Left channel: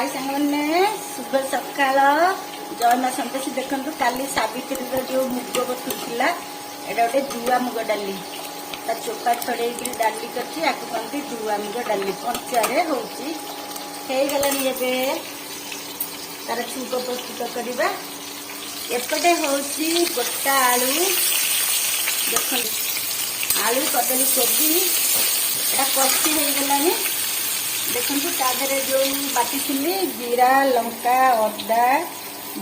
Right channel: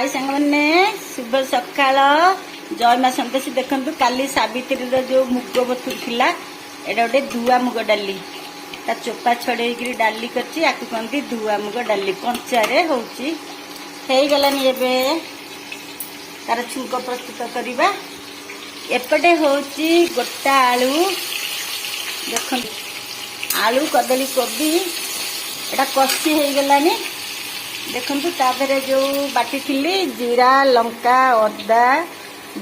हाय सांगने शुभ सकाल जय माँ संतोषी देखु काली सावित्री जो मुग बथु थिला एटा गोटे धुआ मुग डाली ता चोपा छड़े डाली करती धुआ मुग डाली कंचारे होची गलानी एबे तार छुंक प्रस्तुत करवा एपटे होची गोटा आलू देख आलू कदली कोबी एटा कषी हो गलानी देखु तादे जो बाटी थी जीरा लंका अदा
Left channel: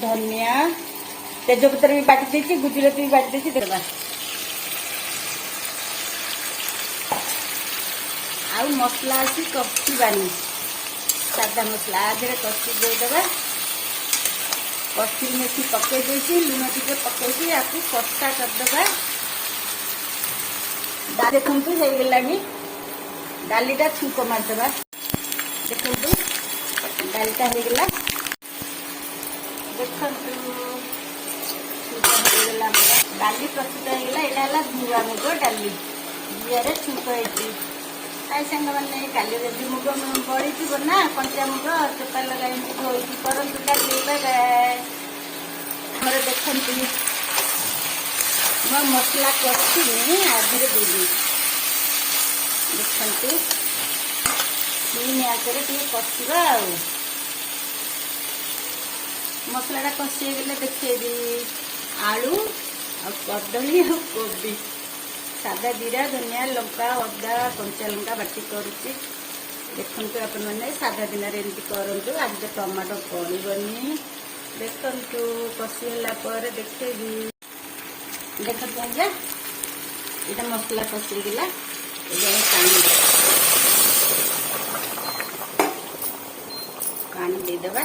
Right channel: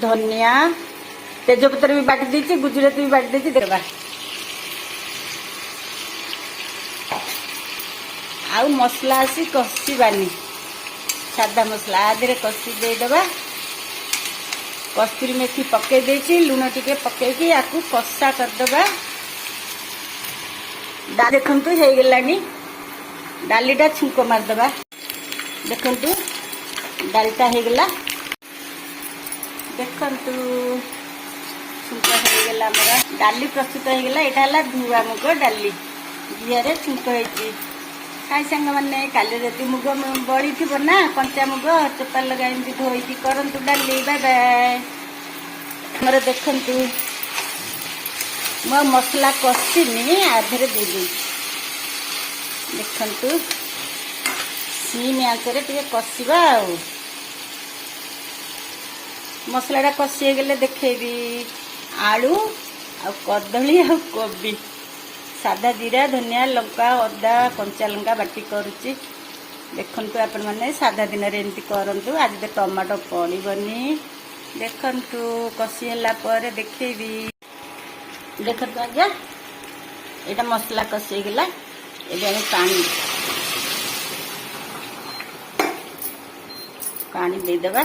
धनिया तेजपत्र भी बाटी देती गुजराती भी बाटी देती देवा आ मसला आसी कषानी सादा मसला आधे कषि देदेबा कस्तूरी मेथी पकई देती लुण टिके पकईकी आपको कषा करदेबा देखु हो गलानी डालीटा छुंक मारदेबा देखु डालटा होगला देखु छुंक होगला डाली प्रस्तुत होगला यहाँ धुआ मुग डाली जीआर छुंक होती कई सांग मैंने काली राति मुग बड़ी थी ना कंचा मुग चोपा लगा धोई करूँ डाली मोर देखु मो मसला कषिनी आधे देदी देखु सीम आसरे कषा मसलाटा कषि गले देखेबी आलू आ कदली आ कोबी सादा जीरा धनिया लंका अदा कंचा लंका बाटी करुच्ची देखु आपण मैंने सादा दिन एमती करूँ आज टमाटो पड़ोनी देखु कषि देखेबी देख आज यहाँ मसला कषि गला ये पानी देदेबा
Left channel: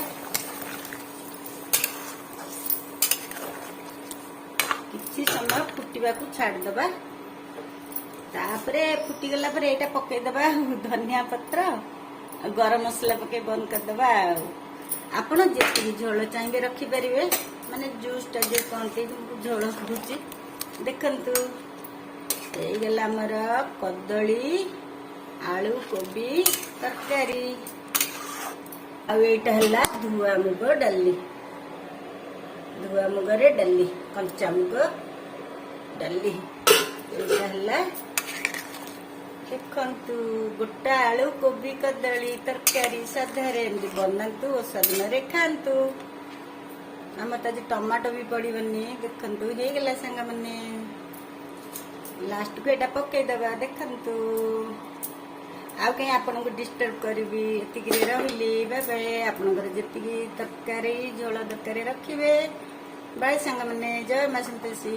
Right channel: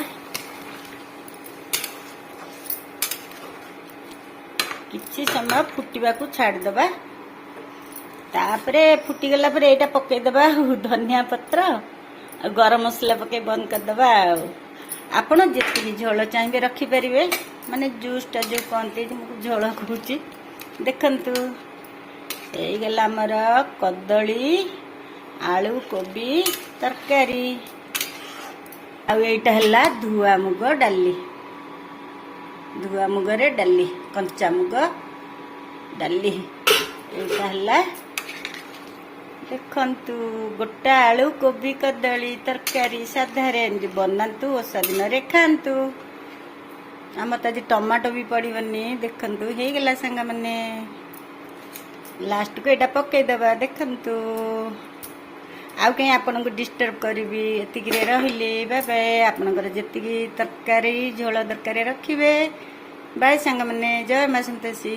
किसी समय फुटवा को छाड़देबा तापरे फुटीगला यहाँ पकईदेबा धनिया पत्र गरम मसला पकई बंद करदेबा आपण जी झोल चाहिए रखिपारे माने जूसटा जो कहते झोल करुच्ची देखु यहीगला आमर कदली आलू कोबी तरकारी आईटा धुआ मुग डाली धुआ मुगरे डाली कंचा मुग डाली यहाँ देखु गोटा आलू कोबी कदली तरकारी साधारे बनातु ओषा दिन खातु आम तो आज टमाटो भी पड़ोनी देखु हो गला सांग मैंने लास्ट को यहाँ पकईदेवा देखु आउ कहीं आपन को डिस्टर्ब करी एतिक रहिले बाय बाय आपनकर जेतिकी तरकारी झोल दरकार रखिए बाय सांग मैंने जय माँ संतोषी।